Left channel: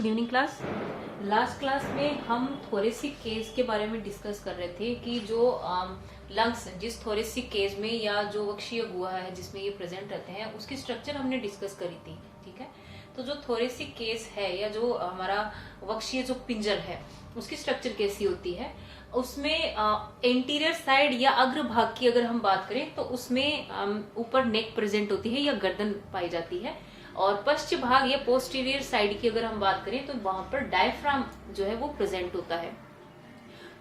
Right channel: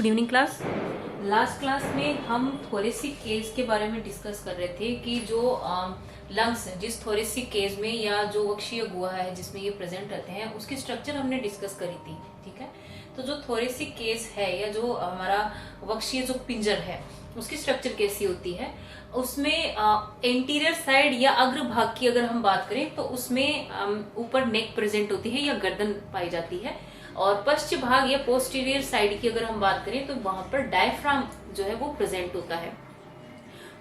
Good evening class. Last class में हम thoracic case के बारे में डिस्कस कर रहे थे कि जो लंग्स जिस थोरेसिक केस में या जो वक्षीय गुहा है जिसमें ये प्रेजेंट रहते हैं उसकी स्ट्रक्चर हमने डिस्कस करी थी। ठीक है, तो जो थोरेसिक केस है या जो हमारा वक्षीय जो पिंजर है उसकी स्ट्रक्चर कैसी होती है, उसमें एंटीरियर साइड या अग्र भाग की अगर हम बात करें तो उसमें ऊपर नेक प्रेजेंट होती है या गर्दन पाई जाती है, और पश्चिम भाग या पोस्टीरियर साइड की अगर हम बात करें तो वहां पर डायफ्राम जो है वो प्रेजेंट होता है।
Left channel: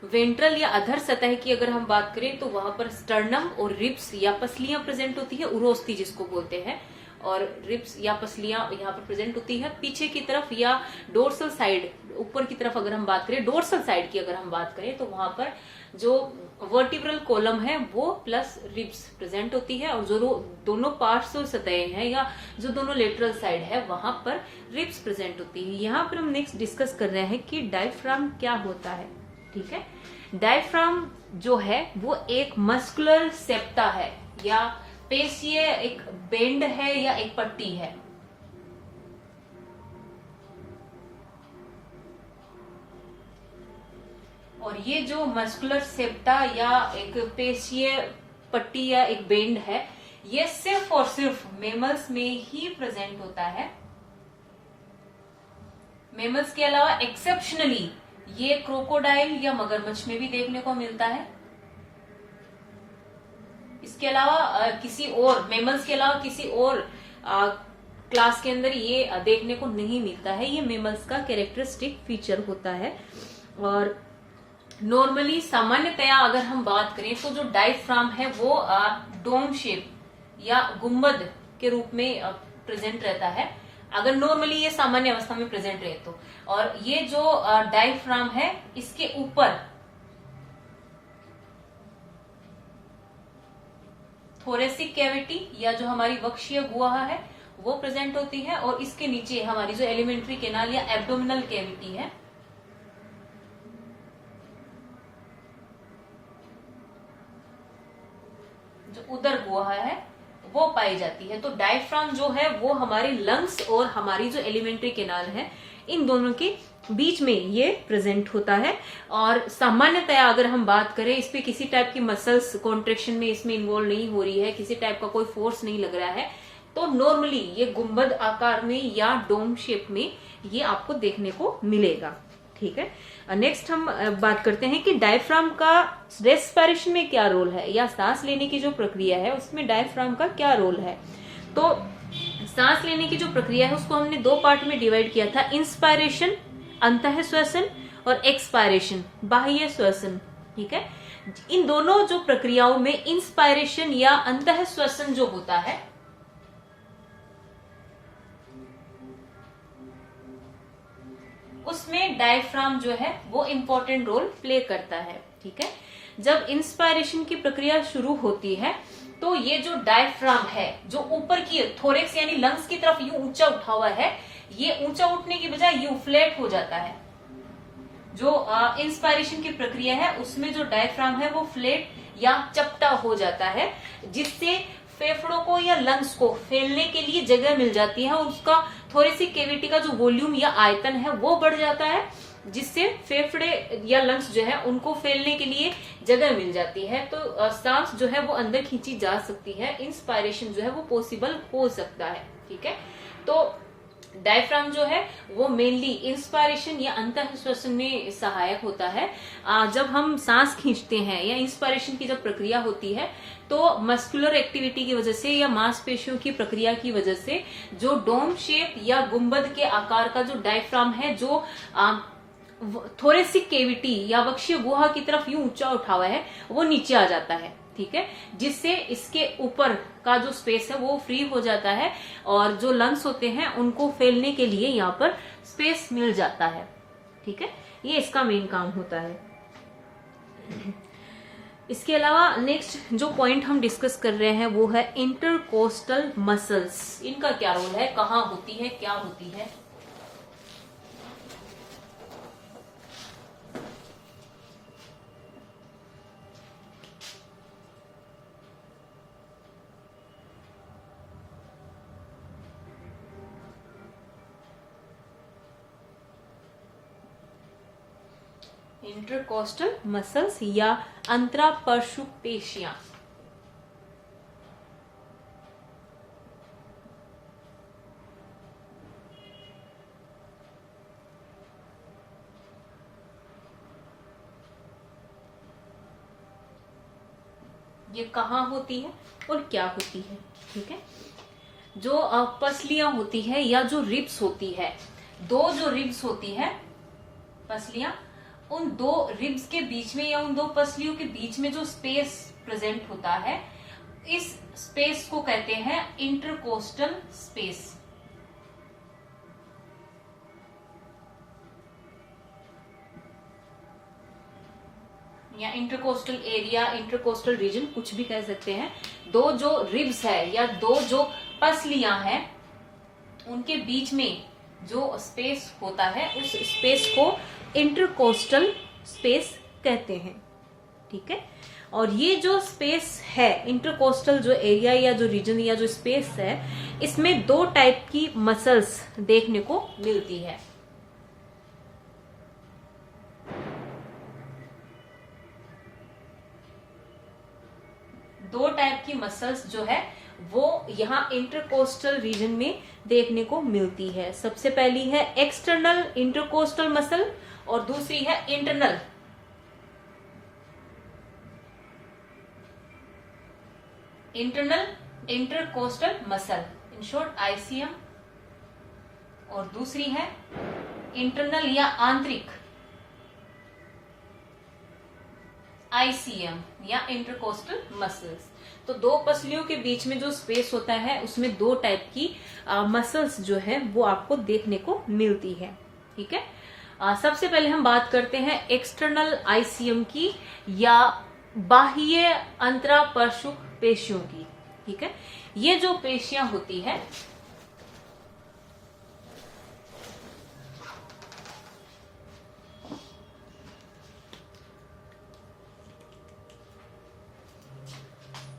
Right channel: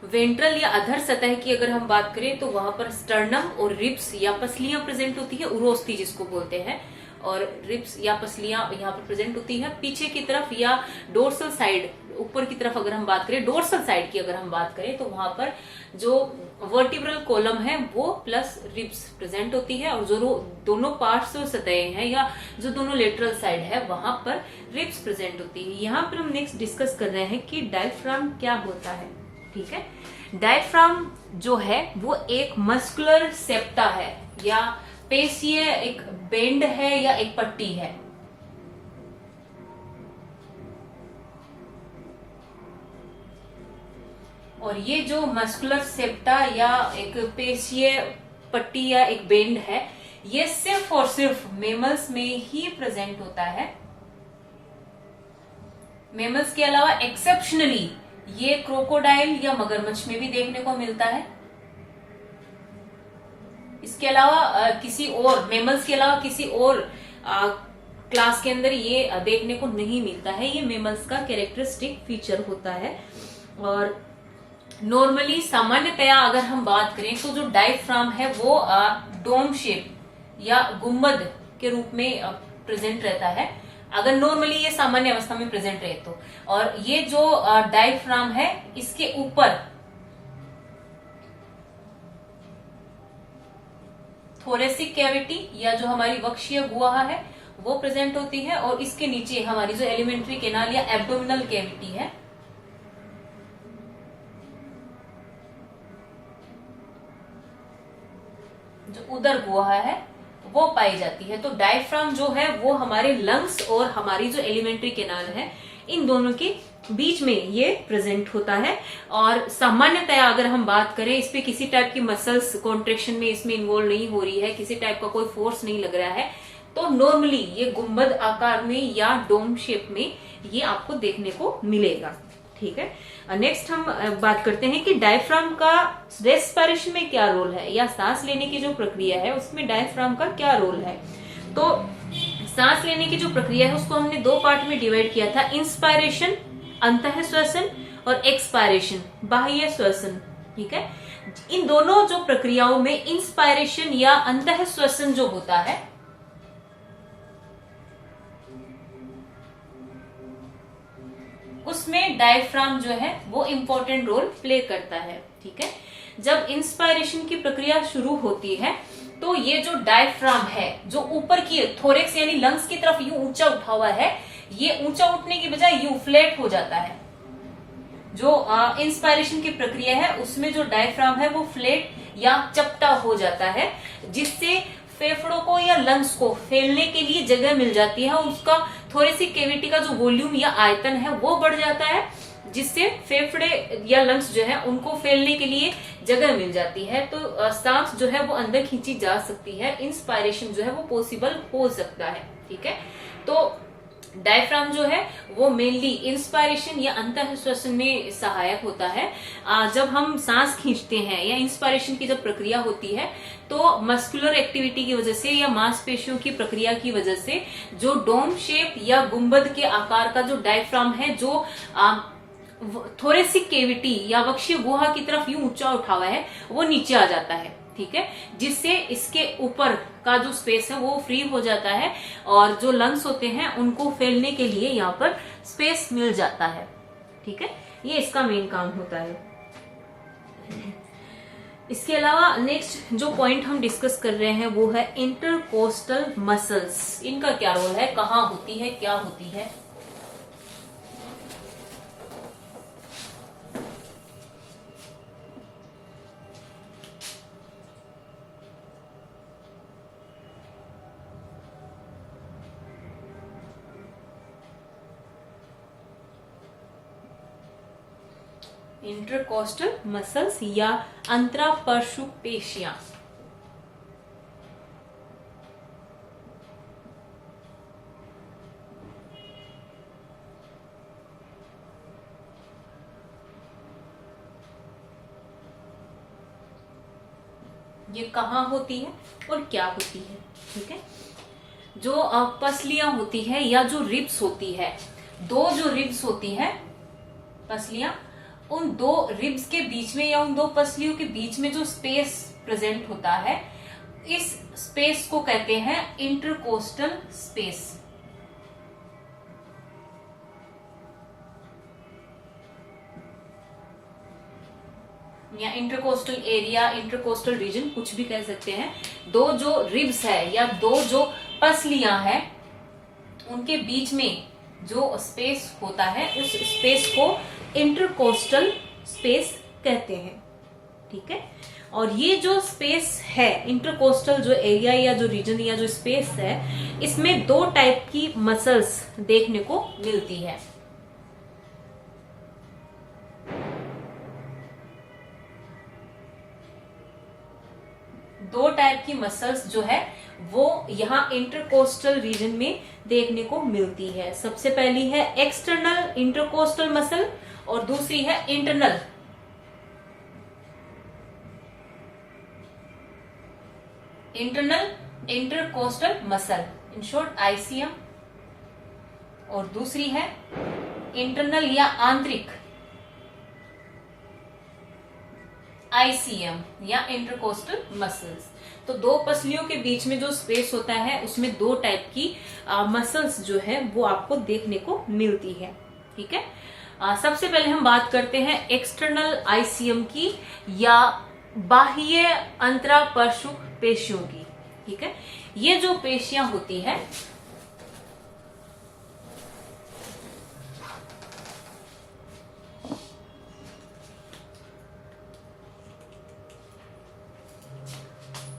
वेंट्रल या अधर सतह की अगर हम बात करें तो वहां पर स्टर्नम और रिब्स या पसलियां प्रेजेंट होती है, उरोस्ती जिसको बोलते हैं, और रिब्स या पसलियां यहाँ पर प्रेजेंट होती है। पीछे की तरफ या डोर्सल साइड ऊपर की तरफ अगर हम बात करें, डोर्सल साइड की अगर हम बात करें तो वहां पर जो वर्टिब्रल कॉलम है वो प्लस रिब्स प्रेजेंट होती है, और जो दोनों पार्श्व सतह हैं या जो दोनों लेटरल साइड है वहां पर रिब्स प्रेजेंट होती है। यहाँ पर हम नेक्स्ट डिस्कस कर रहे हैं कि डायफ्राम क्या होता है। ठीक है, डायफ्राम जो है वो एक मस्कुलर सेप्टा है या पेशीय एक बेंड है या एक पट्टी है। और ये जो मस्कुलर सेप्टा या एक पेशीय पट्टी या एक बेंड है ये सिर्फ और सिर्फ मेमल्स में ही प्रेजेंट होता है। मेमल्स के अलावा एक्सेप्शनली ये क्रोकोडाइल या मगरमच्छ में भी देखने को मिलता है। इसके अलावा किसी और मेमल्स के अलावा किसी और क्लास के अंदर ये देखने को नहीं मिलता है। ये मेमल्स का कैरेक्टरिस्टिक फीचर होता है। और नॉर्मली सामान्यतया अगर हम बात करें तो जो डायफ्राम है वो डोम शेप या गुंबद के रूप में प्रेजेंट रहता है, अगर नॉर्मली ये सामान्य अवस्था में प्रेजेंट रहे तो। और ये जो डायफ्राम है इसके ऊपर थोरेसिक कैविटी या जो हमारी वक्षीय गुहा है वो प्रेजेंट होती है, और इसके नीचे हमारी जो एलिमेंट्री कैनाल या एब्डोमिनल कैविटी है जो उदर गुहा है वो पाई जाती है। तो डायफ्राम जो है वो हमारे लंग्स और हमारी जो एलिमेंट्री कैनाल है इन दोनों के बीच में ये प्रेजेंट होता है। और सामान्यतया अगर हम बात करें इस पे किसी टाइप की मसल्स कॉन्ट्रेक्शन में इसमें इन्वॉल्व नहीं हो रही है, किसी टाइप का कोई फोर्स नहीं लग रहा है, तो नॉर्मली ये गुंबद आकार में या डोम शेप में ये आपको देखने को मिलेगा। ठीक है, नेक्स्ट हम बात करते हैं कि डायफ्राम का रेस्पिरेशन में क्या रोल है, या सांस लेने की जो प्रक्रिया है उसमें डायफ्राम का क्या रोल है। तो सांस लेने की जो प्रक्रिया है उसको हमने दो पार्ट में डिवाइड किया था, इंस्पायरेशन अंतः श्वसन और एक्सपायरेशन बाह्य श्वसन। ठीक है, इन दोनों जो प्रक्रियाओं में इंस्पायरेशन या अंतः श्वसन जो होता है उसमें डायफ्राम जो है वो इंपॉर्टेंट रोल प्ले करता है। ठीक है, जब इंस्पायरेशन की प्रक्रिया शुरू होती है तो ये जो डायफ्राम है जो ऊपर की थोरेक्स यानी लंग्स की तरफ यूं ऊंचा उठा हुआ है, ये ऊंचा उठने की बजाय यूं फ्लैट हो जाता है। जो इंस्पायरेशन की प्रक्रिया है उसमें जो डायफ्राम है वो फ्लैट या चपटा हो जाता है, जिससे फेफड़ों को या लंग्स को फैलने के लिए जगह मिल जाती है, और उसका थोरेसिक कैविटी का जो वॉल्यूम या आयतन है वो बढ़ जाता है, जिससे फेफड़े या लंग्स जो है उनको फैलने के लिए जगह मिल जाती है। तो सांस जो है वो अंदर खींची जा सकती है, इंस्पायरेशन जो है वो पॉसिबल हो सकता है। ठीक है, तो डायफ्राम जो है वो मेनली इंस्पायरेशन या अंतः श्वसन में सहायक होता है। जब हम सांस खींचते हैं या इंस्पायरेशन की जब प्रक्रिया होती है तो मस्कुलर एक्टिविटी की वजह से या मांसपेशियों की प्रक्रिया की वजह से जो डोम शेप या गुंबद के आकार का जो डायफ्राम है जो थोरेसिक कैविटी या वक्षीय गुहा की तरफ यूं ऊंचा उठा हुआ है वो नीचे आ जाता है। ठीक है, जिससे इसके ऊपर का जो स्पेस है वो फ्री हो जाता है, और जो लंग्स होते हैं उनको फैलने के लिए यहाँ पर स्पेस मिल जाता है। ठीक है, ये इसका मेन काम होता है। इसके अलावा नेक्स्ट जो पॉइंट हम डिस्कस कर रहे हैं वो है इंटरकोस्टल मसल्स। इनका क्या रोल है, कहाँ होती है, क्या होती है। इंटरकोस्टल मसल्स या अंतरापरशु पेशियां। ये कहाँ होती है और क्या होती है? ठीक है, जो पसलियां होती है या जो रिब्स होती है, दो जो रिब्स होती है पसलियां, उन दो रिब्स के बीच में या उन दो पसलियों के बीच में जो स्पेस प्रेजेंट होता है, इस स्पेस को कहते हैं इंटरकोस्टल स्पेस। या इंटरकोस्टल एरिया, इंटरकोस्टल रीजन, कुछ भी कह सकते हैं। दो जो रिब्स है या दो जो पसलियां हैं, उनके बीच में जो स्पेस होता है, उस स्पेस को इंटरकोस्टल स्पेस कहते हैं। ठीक है, और ये जो स्पेस है, इंटरकोस्टल जो एरिया या जो रीजन या जो स्पेस है, इसमें दो टाइप की मसल्स देखने को मिलती है। दो टाइप की मसल्स जो है वो यहाँ इंटरकोस्टल रीजन में देखने को मिलती है। सबसे पहली है एक्सटर्नल इंटरकोस्टल मसल और दूसरी है internal intercostal muscle, in short ICM, और दूसरी है इंटरनल या आंतरिक आईसीएम या इंटरकोस्टल मसल्स। तो दो पसलियों के बीच में जो स्पेस होता है, उसमें दो टाइप की मसल्स जो है वो आपको देखने को मिलती है। ठीक है, सबसे पहले हम बात करते हैं एक्सटर्नल आईसीएम की या बाह्य अंतरापरशु पेशियों की। ठीक है, ये जो पेशियां होती है,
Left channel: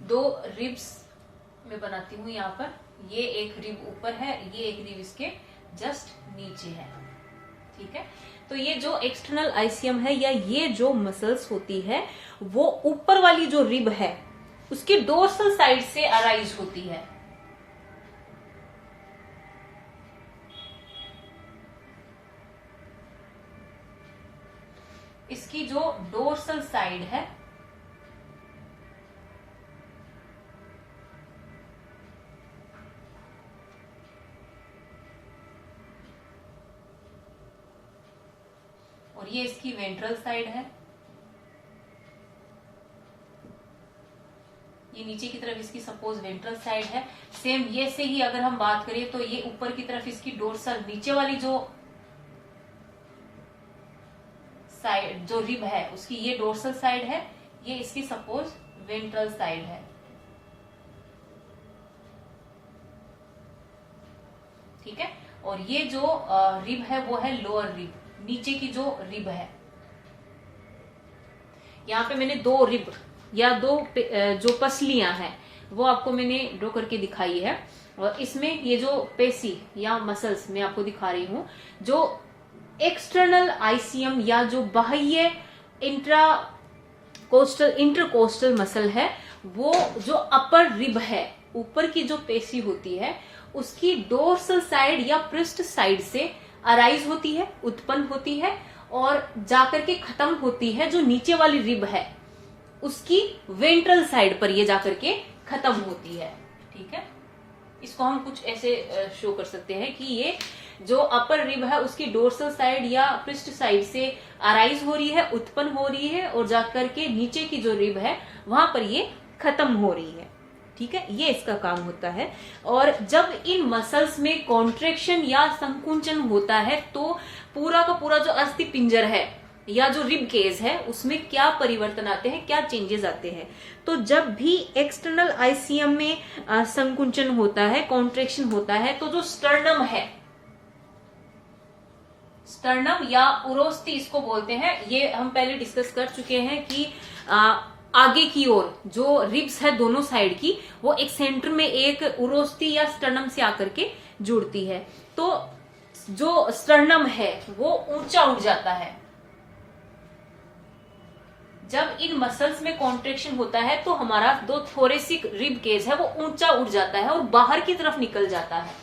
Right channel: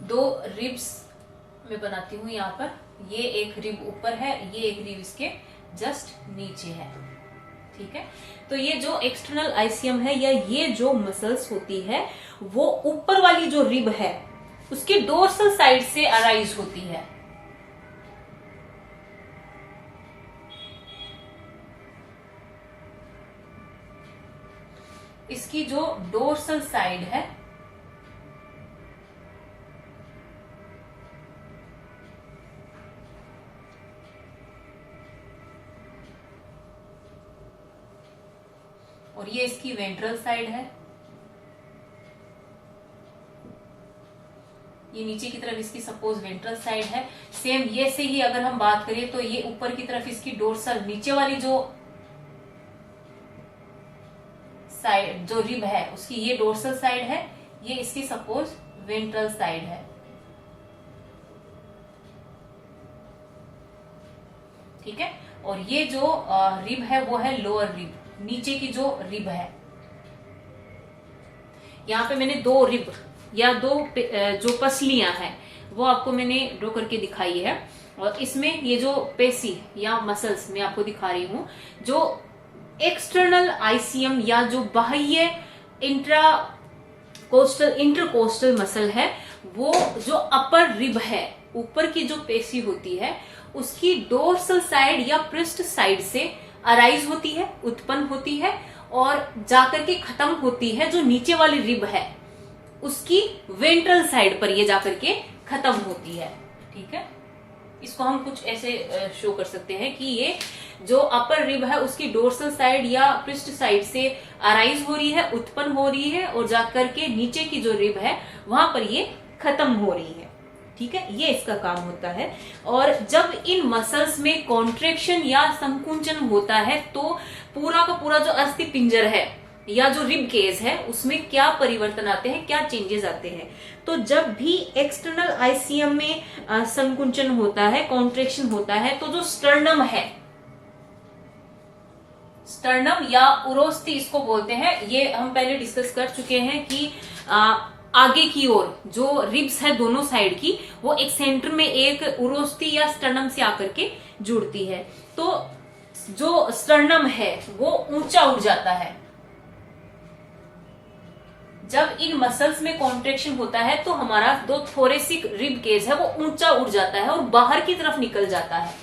दो रिब्स में बनाती हूं यहाँ पर, ये एक रिब ऊपर है, ये एक रिब इसके जस्ट नीचे है। ठीक है, तो ये जो एक्सटर्नल आईसीएम है या ये जो मसल्स होती है, वो ऊपर वाली जो रिब है उसकी डोर्सल साइड से अराइज होती है। इसकी जो डोर्सल साइड है और ये इसकी वेंट्रल साइड है, ये नीचे की तरफ इसकी सपोज वेंट्रल साइड है। सेम ये से ही अगर हम बात करें तो ये ऊपर की तरफ इसकी डोर्सल, नीचे वाली जो साइड जो रिब है उसकी ये डोर्सल साइड है, ये इसकी सपोज वेंट्रल साइड है। ठीक है, और ये जो रिब है वो है लोअर रिब, नीचे की जो रिब है। यहाँ पे मैंने दो रिब या दो जो पसलियां हैं वो आपको मैंने ड्रॉ करके दिखाई है, और इसमें ये जो पेशी या मसल्स मैं आपको दिखा रही हूं, जो एक्सटर्नल आईसीएम या जो बाह्य इंटरकोस्टल मसल है, वो जो अपर रिब है, ऊपर की जो पेशी होती है, उसकी डोर्सल साइड या पृष्ठ साइड से अराइज होती है, उत्पन्न होती है, और जाकर के खत्म होती है जो नीचे वाली रिब है उसकी वेंट्रल साइड पर ये जाकर के खत्म होती है। ठीक है, इसको हम कुछ ऐसे शो कर सकते हैं कि ये जो अपर रिब है उसकी डोर्सल साइड या पृष्ठ साइड से अराइज हो रही है, उत्पन्न हो रही है, और जाकर के नीचे की जो रिब है वहां पर ये खत्म हो रही है। ठीक है, ये इसका काम होता है। और जब इन मसल्स में कॉन्ट्रेक्शन या संकुंचन होता है तो पूरा का पूरा जो अस्थि पिंजर है या जो रिब केज है उसमें क्या परिवर्तन आते हैं, क्या चेंजेस आते हैं। तो जब भी एक्सटर्नल आईसीएम में संकुंचन होता है, कॉन्ट्रेक्शन होता है, तो जो स्टर्नम है, स्टर्नम या उरोस्थी इसको बोलते हैं, ये हम पहले डिस्कस कर चुके हैं कि आगे की ओर जो रिब्स है दोनों साइड की, वो एक सेंटर में एक उरोस्थी या स्टर्नम से आकर के जुड़ती है। तो जो स्टर्नम है वो ऊंचा उठ जाता है, जब इन मसल्स में कॉन्ट्रेक्शन होता है तो हमारा जो थोरेसिक रिब केज है वो ऊंचा उठ जाता है और बाहर की तरफ निकल जाता है।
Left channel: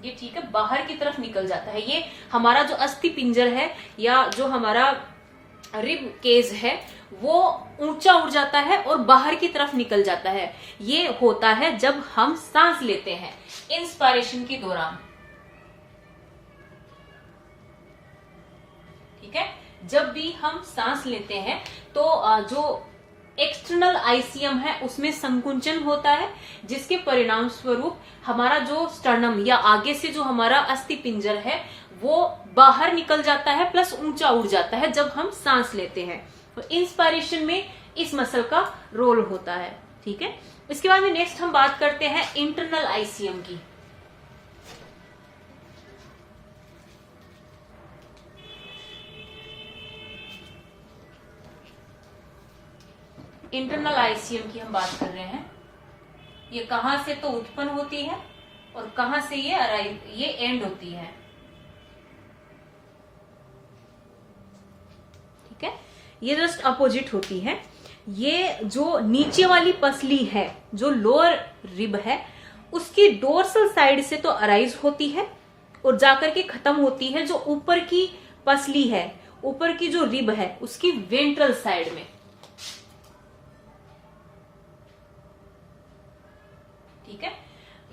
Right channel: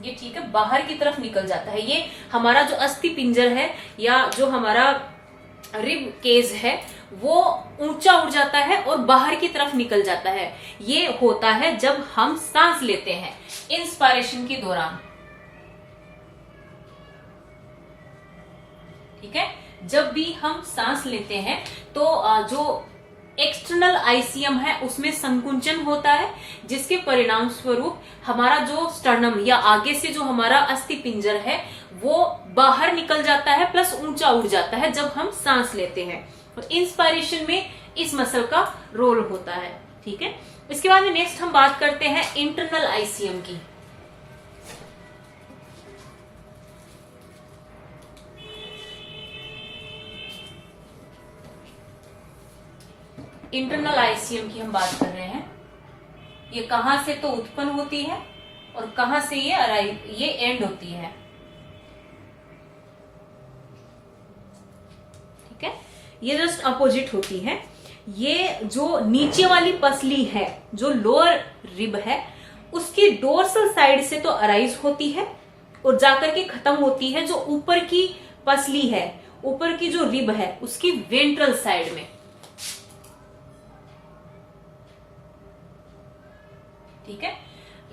ये ठीक है, बाहर की तरफ निकल जाता है। ये हमारा जो अस्थि पिंजर है या जो हमारा रिब केज है वो ऊंचा उठ जाता है और बाहर की तरफ निकल जाता है। ये होता है जब हम सांस लेते हैं इंस्पायरेशन के दौरान। ठीक है, जब भी हम सांस लेते हैं तो जो एक्सटर्नल आईसीएम है उसमें संकुंचन होता है, जिसके परिणाम स्वरूप हमारा जो स्टर्नम या आगे से जो हमारा अस्थि पिंजर है वो बाहर निकल जाता है प्लस ऊंचा उड़ जाता है जब हम सांस लेते हैं। तो इंस्पायरेशन में इस मसल का रोल होता है। ठीक है, इसके बाद में नेक्स्ट हम बात करते हैं इंटरनल आईसीएम की। इंटरनल आईसीएम की हम बात कर रहे हैं। ये कहां से तो उत्पन्न होती है और कहां से ये एंड होती है। ठीक है, ये जस्ट अपोजिट होती है। ये जो नीचे वाली पसली है, जो लोअर रिब है, उसकी डोर्सल साइड से तो अराइज होती है और जाकर के खत्म होती है जो ऊपर की पसली है, ऊपर की जो रिब है उसकी वेंट्रल साइड में। ठीक है,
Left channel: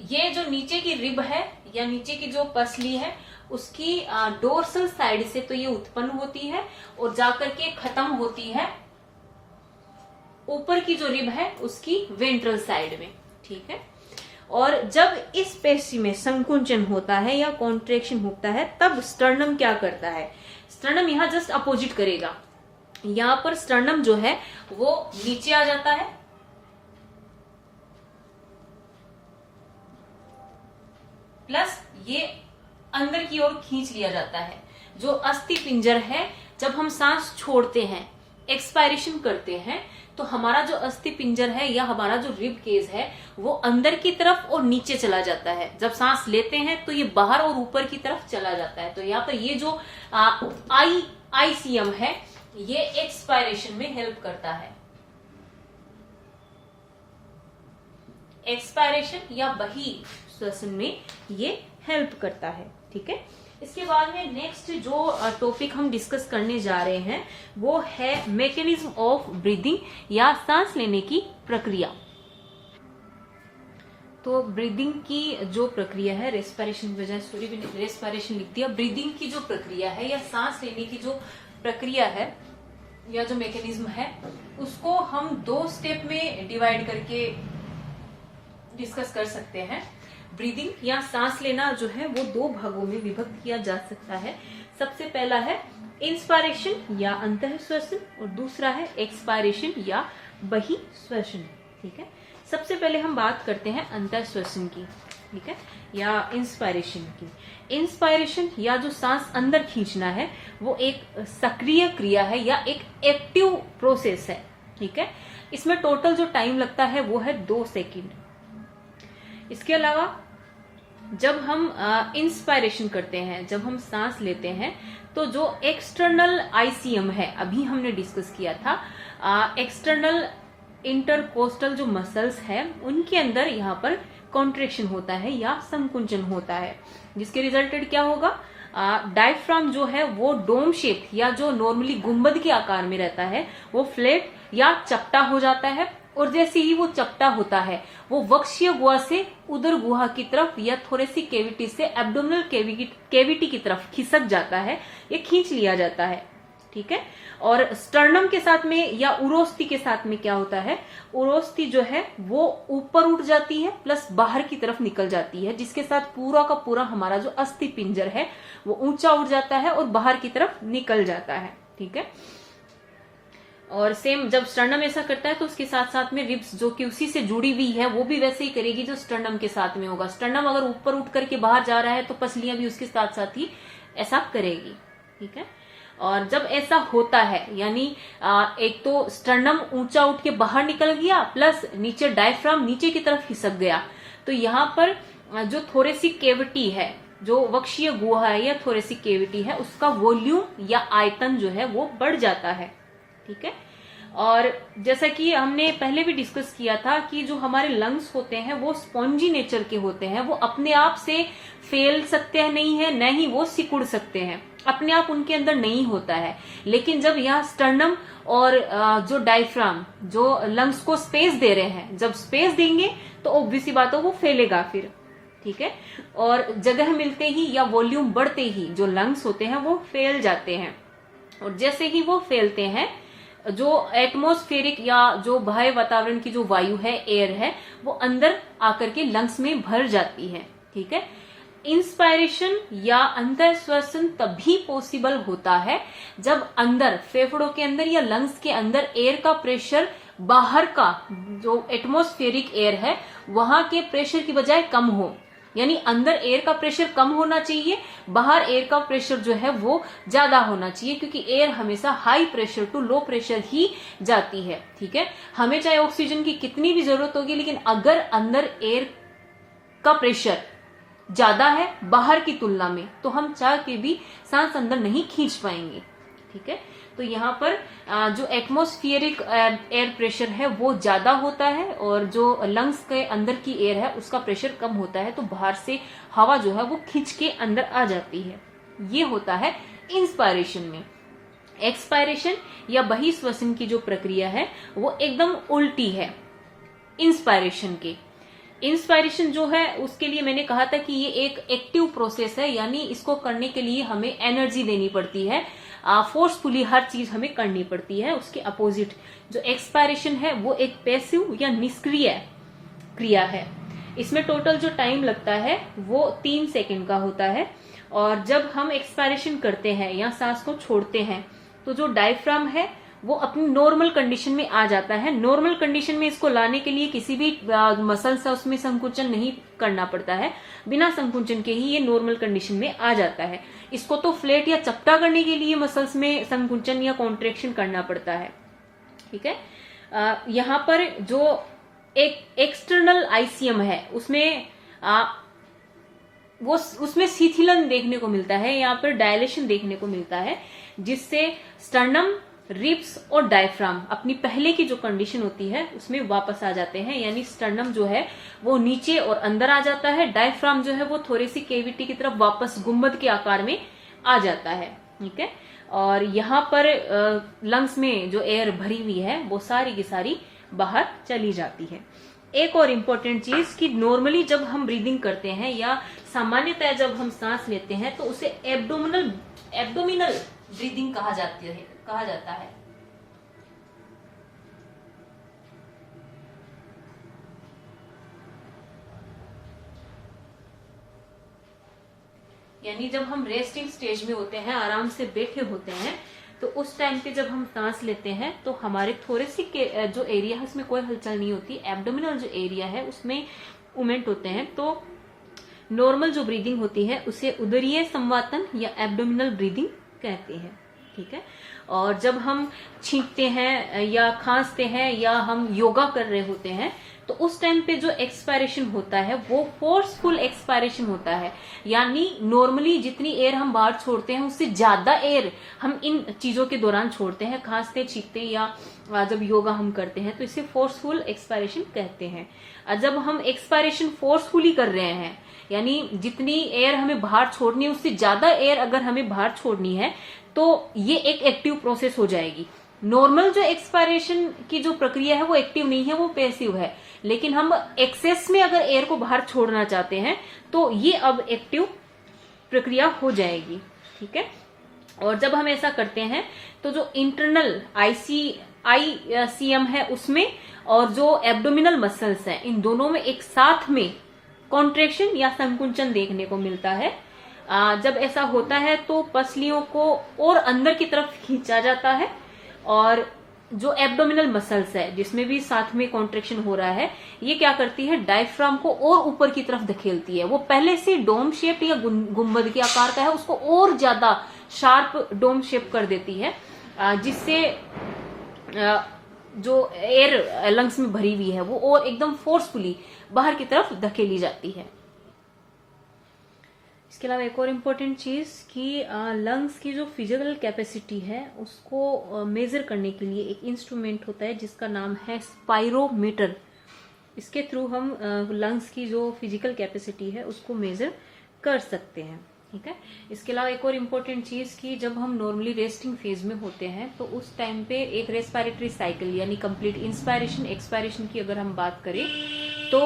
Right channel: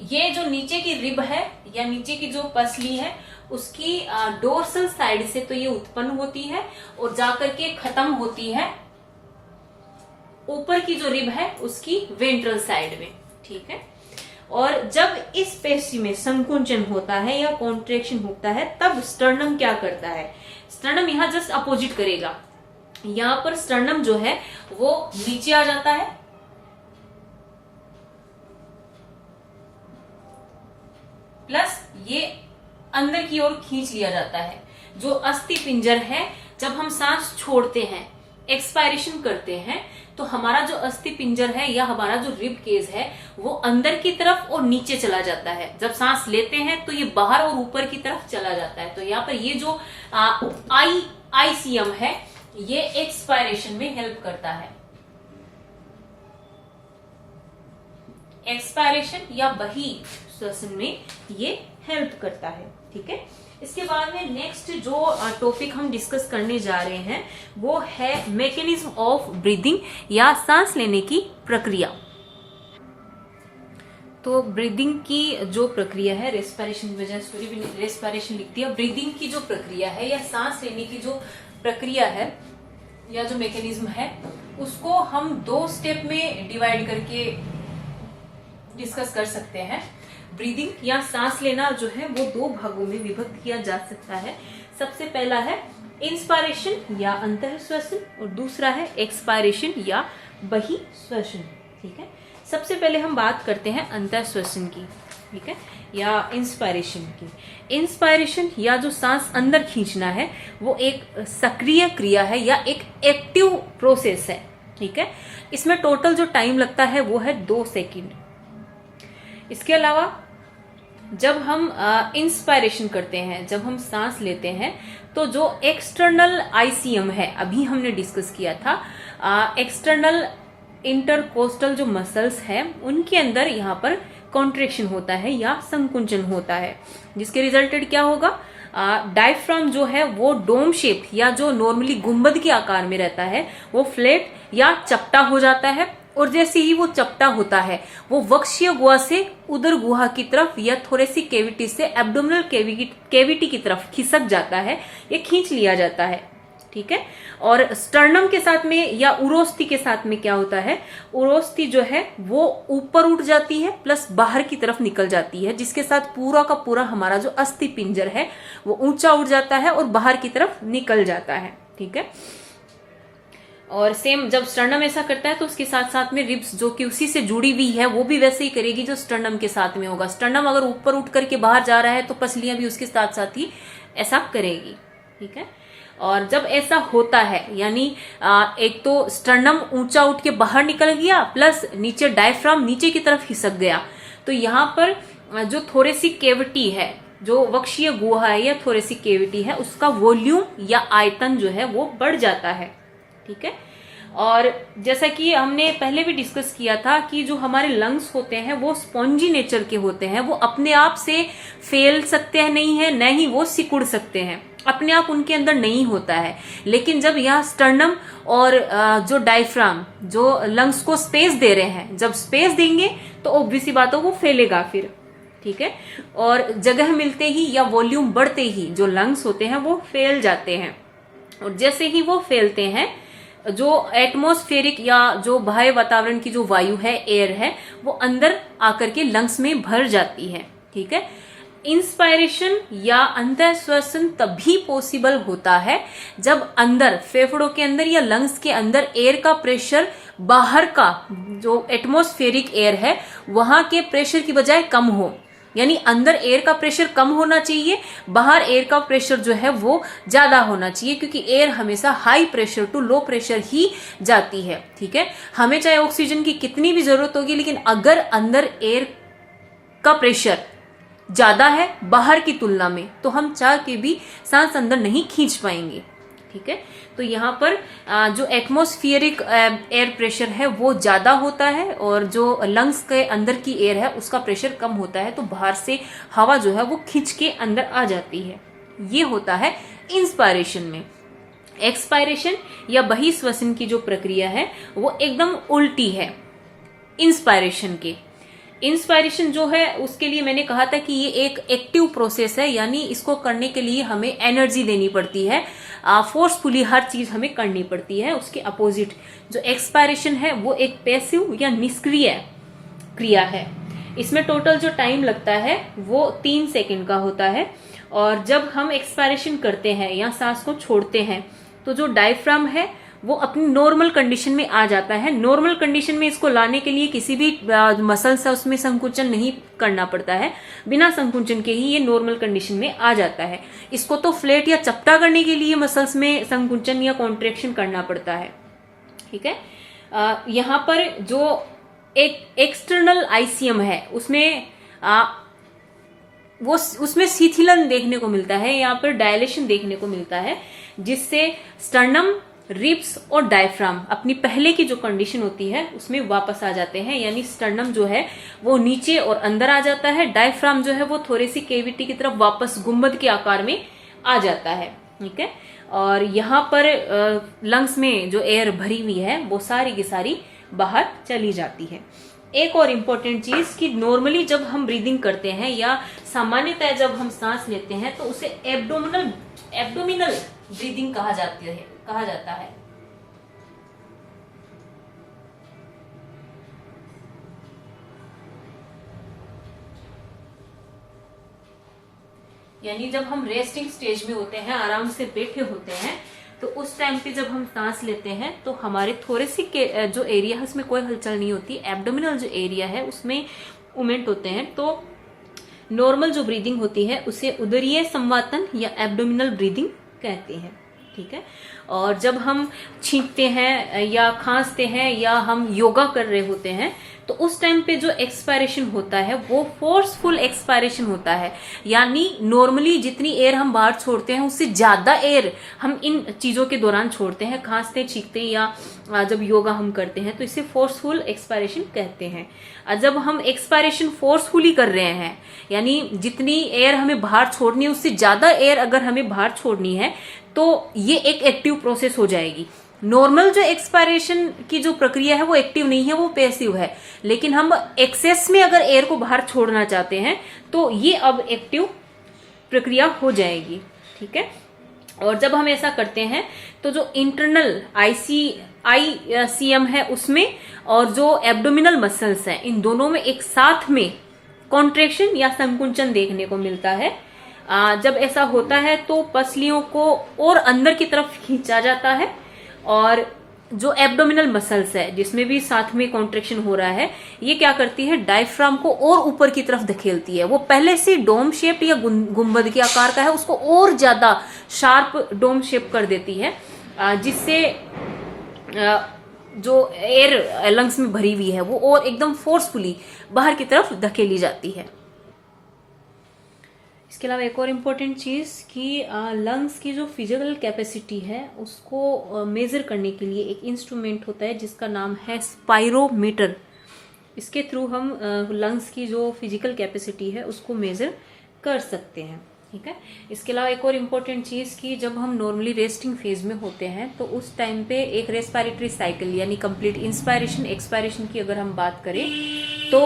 ये जो नीचे की रिब है या नीचे की जो पसली है उसकी डोर्सल साइड से तो ये उत्पन्न होती है और जाकर के खत्म होती है ऊपर की जो रिब है उसकी वेंट्रल साइड में। ठीक है, और जब इस पेशी में संकुंचन होता है या कॉन्ट्रेक्शन होता है तब स्टर्नम क्या करता है? स्टर्नम यहां जस्ट अपोजिट करेगा। यहां पर स्टर्नम जो है वो नीचे आ जाता है प्लस ये अंदर की ओर खींच लिया जाता है। जो अस्थि पिंजर है, जब हम सांस छोड़ते हैं, एक्सपायरेशन करते हैं, तो हमारा जो अस्थि पिंजर है या हमारा जो रिब केज है वो अंदर की तरफ और नीचे चला जाता है। जब सांस लेते हैं तो ये बाहर और ऊपर की तरफ चला जाता है। तो यहाँ पर ये जो आईसीएम है ये एक्सपायरेशन में हेल्प करता है। एक्सपायरेशन या बही श्वसन में ये हेल्प करता है। ठीक है, इसके बाद में नेक्स्ट जो टॉपिक हम डिस्कस करने जा रहे हैं वो है मैकेनिज्म ऑफ ब्रीदिंग या सांस लेने की प्रक्रिया। तो ब्रीदिंग की जो प्रक्रिया है, रेस्पिरेशन की वजह से रेस्पिरेशन लिख दिया। ब्रीदिंग की जो प्रक्रिया है या सांस लेने की जो प्रक्रिया है या जो मैकेनिज्म है उसको हम 2 स्टेप में डिवाइड करके डिस्कस कर सकते हैं। ब्रीदिंग या सांस लेना जो है वो 2 भागों में विभक्त किया जा सकता है। सबसे पहला है इंस्पायरेशन या अंतःश्वसन और दूसरा है एक्सपायरेशन या बहिश्वसन। ठीक है, सबसे पहले हम बात करते हैं अंतःश्वसन की। ठीक है, या इंस्पायरेशन की। इंस्पायरेशन या जो सांस अंदर खींचना है वो एक सक्रिय क्रिया है या एक एक्टिव प्रोसेस है। ठीक है, इसमें टोटल जो टाइम लगता है वो है 2 सेकंड। इसके अलावा जब हम इंस्पायरेशन करते हैं, जब हम सांस लेते हैं, तो जो एक्सटर्नल आईसीएम है, अभी हमने डिस्कस किया था, एक्सटर्नल इंटरकोस्टल जो मसल्स है उनके अंदर यहाँ पर कॉन्ट्रेक्शन होता है या संकुंचन होता है, जिसके रिजल्टेड क्या होगा? डायफ्राम जो है वो डोम शेप या जो नॉर्मली गुंबद के आकार में रहता है वो फ्लैट या चपटा हो जाता है और जैसे ही वो चपटा होता है वो वक्षीय गुहा से उदर गुहा की तरफ या थोरेसिक कैविटी से एब्डोमिनल कैविटी की तरफ खिसक जाता है, ये खींच लिया जाता है। ठीक है, और स्टर्नम के साथ में या उरोस्थि के साथ में क्या होता है? उरोस्थि जो है वो ऊपर उठ जाती है प्लस बाहर की तरफ निकल जाती है, जिसके साथ पूरा का पूरा हमारा जो अस्थि पिंजर है वो ऊंचा उठ जाता है और बाहर की तरफ निकल जाता है। ठीक है, और सेम जब स्टर्नम ऐसा करता है तो उसके साथ साथ में रिब्स जो कि उसी से जुड़ी हुई है वो भी वैसे ही करेगी जो स्टर्नम के साथ में होगा। स्टर्नम अगर ऊपर उठ करके बाहर जा रहा है तो पसलियां भी उसके साथ साथ ही ऐसा करेगी। ठीक है, और जब ऐसा होता है यानी एक तो स्टर्नम ऊंचा उठ के बाहर निकल गया प्लस नीचे डायफ्राम नीचे की तरफ खिसक गया, तो यहाँ पर जो थोरेसिक कैविटी है जो वक्षीय गुहा है या थोरेसिक केविटी है उसका वॉल्यूम या आयतन जो है वो बढ़ जाता है। ठीक है, और जैसा कि हमने पहले भी डिस्कस किया था कि जो हमारे लंग्स होते हैं वो स्पॉन्जी नेचर के होते हैं, वो अपने आप से फैल सकते हैं नहीं है, न ही वो सिकुड़ सकते हैं, अपने आप उनके अंदर नहीं होता है। लेकिन जब यहाँ स्टर्नम और जो डायफ्राम जो लंग्स को स्पेस दे रहे हैं, जब स्पेस देंगे तो ऑब्वियस सी बात है वो फैलेगा फिर। ठीक है, और जगह मिलते ही या वॉल्यूम बढ़ते ही जो लंग्स होते हैं वो फैल जाते हैं, और जैसे ही वो फैलते हैं जो एटमॉस्फेरिक या जो बाह्य वातावरण की जो वायु है, एयर है, वो अंदर आकर के लंग्स में भर जाती है। ठीक है, इंस्पायरेशन या अंतःश्वसन तभी पॉसिबल होता है जब अंदर फेफड़ों के अंदर या लंग्स के अंदर एयर का प्रेशर बाहर का जो एटमॉस्फेरिक एयर है वहां के प्रेशर की बजाय कम हो, यानी अंदर एयर का प्रेशर कम होना चाहिए, बाहर एयर का प्रेशर जो है वो ज्यादा होना चाहिए, क्योंकि एयर हमेशा high pressure to low pressure ही जाती है। ठीक है, हमें चाहे ऑक्सीजन की कितनी भी जरूरत होगी, लेकिन अगर अंदर एयर का प्रेशर ज्यादा है बाहर की तुलना में तो हम चाह के भी सांस अंदर नहीं खींच पाएंगे। ठीक है, तो यहाँ पर जो एटमॉस्फेरिक एयर प्रेशर है वो ज्यादा होता है और जो लंग्स के अंदर की एयर है उसका प्रेशर कम होता है, तो बाहर से हवा जो है वो खींच के अंदर आ जाती है। ये होता है इंस्पायरेशन में। एक्सपायरेशन या बहिश्वसन की जो प्रक्रिया है वो एकदम उल्टी है इंस्पायरेशन के। इंस्पायरेशन जो है उसके लिए मैंने कहा था कि ये एक एक्टिव प्रोसेस है, यानी इसको करने के लिए हमें एनर्जी देनी पड़ती है, फोर्सफुली हर चीज हमें करनी पड़ती है। उसके अपोजिट जो एक्सपायरेशन है वो एक पैसिव या निष्क्रिय क्रिया है। इसमें टोटल जो टाइम लगता है वो 3 सेकंड का होता है, और जब हम एक्सपायरेशन करते हैं या सांस को छोड़ते हैं तो जो डायफ्राम है वो अपनी नॉर्मल कंडीशन में आ जाता है। नॉर्मल कंडीशन में इसको लाने के लिए किसी भी मसल से उसमें संकुचन नहीं करना पड़ता है, बिना संकुचन के ही ये नॉर्मल कंडीशन में आ जाता है। इसको तो फ्लैट या चपटा करने के लिए मसल्स में संकुचन या कॉन्ट्रेक्शन करना पड़ता है। ठीक है, यहाँ पर जो एक एक्सटर्नल आईसीएम है उसमें उसमें शिथिलन देखने को मिलता है, यहाँ पर डायलेशन देखने को मिलता है, जिससे स्टर्नम, रिब्स और डायफ्राम अपनी पहले की जो कंडीशन होती है उसमें वापस आ जाते हैं, यानी स्टर्नम जो है वो नीचे और अंदर आ जाता है, डायफ्राम जो है वो थोरेसिक केविटी की तरफ वापस गुंबद के आकार में आ जाता है। ठीक है, और यहाँ पर लंग्स में जो एयर भरी हुई है वो सारी की सारी बाहर चली जाती है। एक और इम्पोर्टेंट चीज कि नॉर्मली जब हम ब्रीदिंग करते हैं या सामान्यतः जब हम सांस लेते हैं तो उसे एब्डोमिनल ब्रीदिंग कहा जाता है। यानी जब हम रेस्टिंग स्टेज में होते हैं, आराम से बैठे होते हैं, तो उस टाइम पे जब हम सांस लेते हैं तो हमारे थोरेसिक के जो एरिया है उसमें कोई हलचल नहीं होती, एब्डोमिनल जो एरिया है उसमें मूवमेंट होते हैं। तो नॉर्मल जो ब्रीदिंग होती है उसे उदरीय संवातन या एब्डोमिनल ब्रीदिंग कहते हैं। ठीक है, और जब हम छींकते हैं या खांसते हैं या हम योगा कर रहे होते हैं तो उस टाइम पे जो एक्सपायरेशन होता है वो फोर्सफुल एक्सपायरेशन होता है, यानी नॉर्मली जितनी एयर हम बाहर छोड़ते हैं उससे ज्यादा एयर हम इन चीजों के दौरान छोड़ते हैं, खांसते छींकते या जब योगा हम करते हैं, तो इसे फोर्सफुल एक्सपायरेशन कहते हैं। जब हम एक्सपायरेशन फोर्सफुली कर रहे हैं, यानी जितनी एयर हमें बाहर छोड़नी है उससे ज्यादा एयर अगर हमें बाहर छोड़नी है तो ये एक एक्टिव प्रोसेस हो जाएगी। नॉर्मल जो एक्सपायरेशन की जो प्रक्रिया है वो एक्टिव नहीं है, वो पैसिव है, लेकिन हम एक्सेस में अगर एयर को बाहर छोड़ना चाहते हैं तो ये अब एक्टिव प्रक्रिया हो जाएगी। ठीक है, और जब हम ऐसा करते हैं तो जो इंटरनल आईसीएम है उसमें और जो एब्डोमिनल मसल्स हैं इन दोनों में एक साथ में कॉन्ट्रेक्शन या संकुचन देखने को मिलता है। जब ऐसा होता है तो पसलियों को और अंदर की तरफ खींचा जाता है, और जो एब्डोमिनल मसल्स है जिसमें भी साथ में कॉन्ट्रेक्शन हो रहा है, ये क्या करती है, डायफ्राम को और ऊपर की तरफ धकेलती है। वो पहले से डोम शेप या गुंबद के आकार का है, उसको और ज्यादा शार्प डोम शेप कर देती है, जिससे जो एयर लंग्स में भरी हुई है वो और एकदम फोर्सफुली बाहर की तरफ धकेली जाती है। इसके अलावा एक और इम्पोर्टेंट चीज़ कि लंग्स की जो फिजिकल कैपेसिटी है उसको मेज़र करने के लिए एक इंस्ट्रूमेंट होता है जिसका नाम है स्पाइरोमीटर। इसके थ्रू हम लंग्स की जो फिजिकल कैपेसिटी है उसको मेज़र कर सकते हैं, ठीक है। इसके अलावा एक और इम्पोर्टेंट चीज़ कि जब हम नॉर्मली रेस्टिंग फेज में होते हैं तो उस टाइम पे एक रेस्पिरेटरी साइकिल यानी कंप्लीट इंस्पायरेशन एक्सपायरेशन की अगर हम बात करें तो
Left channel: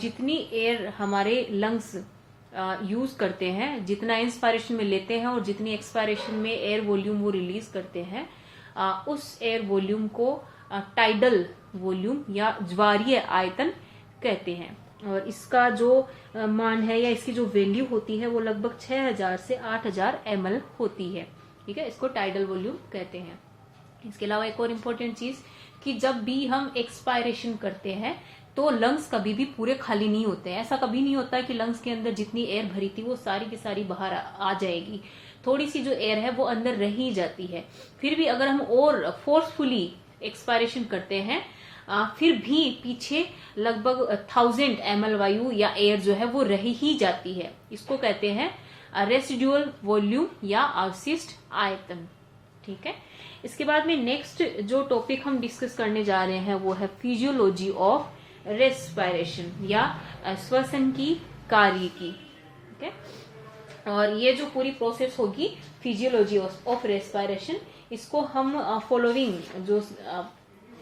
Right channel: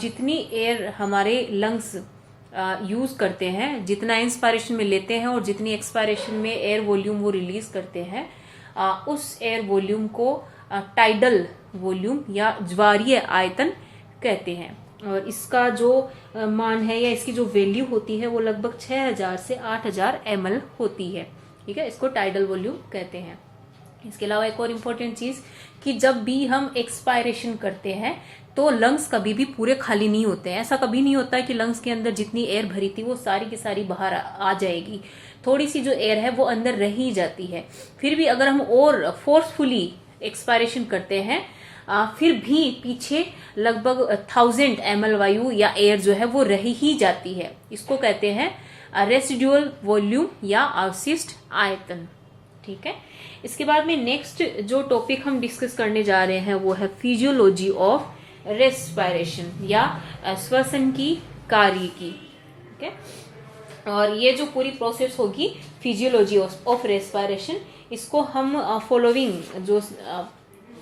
जितनी एयर हमारे लंग्स यूज करते हैं, जितना इंस्पायरेशन में लेते हैं और जितनी एक्सपायरेशन में एयर वॉल्यूम वो रिलीज करते हैं, उस एयर वॉल्यूम को टाइडल वॉल्यूम या ज्वारीय आयतन कहते हैं। और इसका जो मान है या इसकी जो वैल्यू होती है वो लगभग 6000 से 8000 ml होती है, ठीक है। इसको टाइडल वॉल्यूम कहते हैं। इसके अलावा एक और इम्पोर्टेंट चीज कि जब भी हम एक्सपायरेशन करते हैं तो लंग्स कभी भी पूरे खाली नहीं होते हैं। ऐसा कभी नहीं होता है कि लंग्स के अंदर जितनी एयर भरी थी वो सारी की सारी बाहर आ जाएगी। थोड़ी सी जो एयर है वो अंदर रह ही जाती है। फिर भी अगर हम और फोर्सफुली एक्सपायरेशन करते हैं फिर भी पीछे लगभग 1000 ml वायु या एयर जो है वो रह ही जाती है। इसको कहते हैं रेसिडुअल वॉल्यूम या अवशिष्ट आयतन, ठीक है। इसके बाद में नेक्स्ट जो टॉपिक हम डिस्कस करने जा रहे हैं वो है फिजियोलॉजी ऑफ रेस्पिरेशन या श्वसन की कार्य की, ठीक है। और ये जो पूरी प्रोसेस होगी फिजियोलॉजी ऑफ रेस्पिरेशन, इसको हम फॉलोइंग जो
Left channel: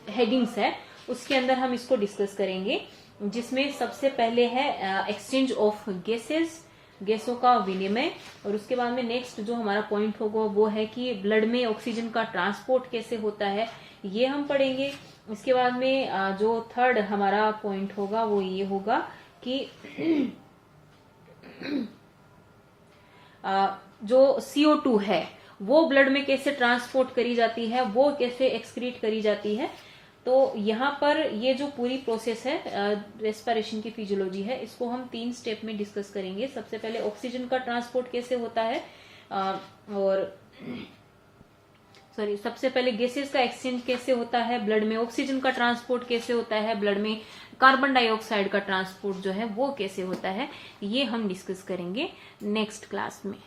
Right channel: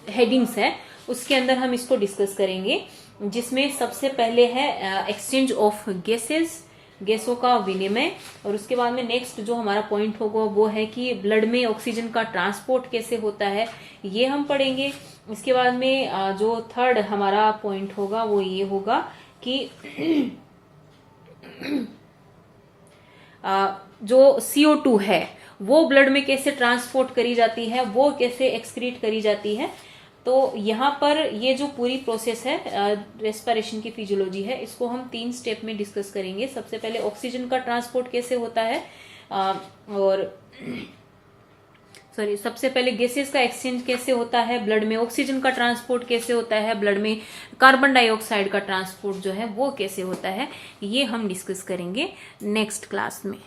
हेडिंग्स है उसके अंदर हम इसको डिस्कस करेंगे, जिसमें सबसे पहले है एक्सचेंज ऑफ गैसेस, गैसों का विनिमय। और उसके बाद में नेक्स्ट जो हमारा पॉइंट होगा वो है कि ब्लड में ऑक्सीजन का ट्रांसपोर्ट कैसे होता है, ये हम पढ़ेंगे। इसके बाद में जो थर्ड हमारा पॉइंट होगा वो ये होगा कि जो CO2 है वो ब्लड में कैसे ट्रांसपोर्ट करी जाती है, वो कैसे एक्सक्रीट करी जाती है। तो यहाँ पर ये जो पूरी प्रोसेस है रेस्पिरेशन की फिजियोलॉजी है, इसको हम 3 स्टेप में डिस्कस करेंगे। सबसे पहले ऑक्सीजन का ट्रांसपोर्ट कैसे होता है सबसे पहले गैसेस का एक्सचेंज कैसे होता है, ब्लड में ऑक्सीजन का ट्रांसपोर्ट कैसे होता है, ब्लड में कार्बन डाइऑक्साइड का ट्रांसपोर्ट जो है वो कैसे होता है, ये हम डिस्कस करेंगे नेक्स्ट क्लास में।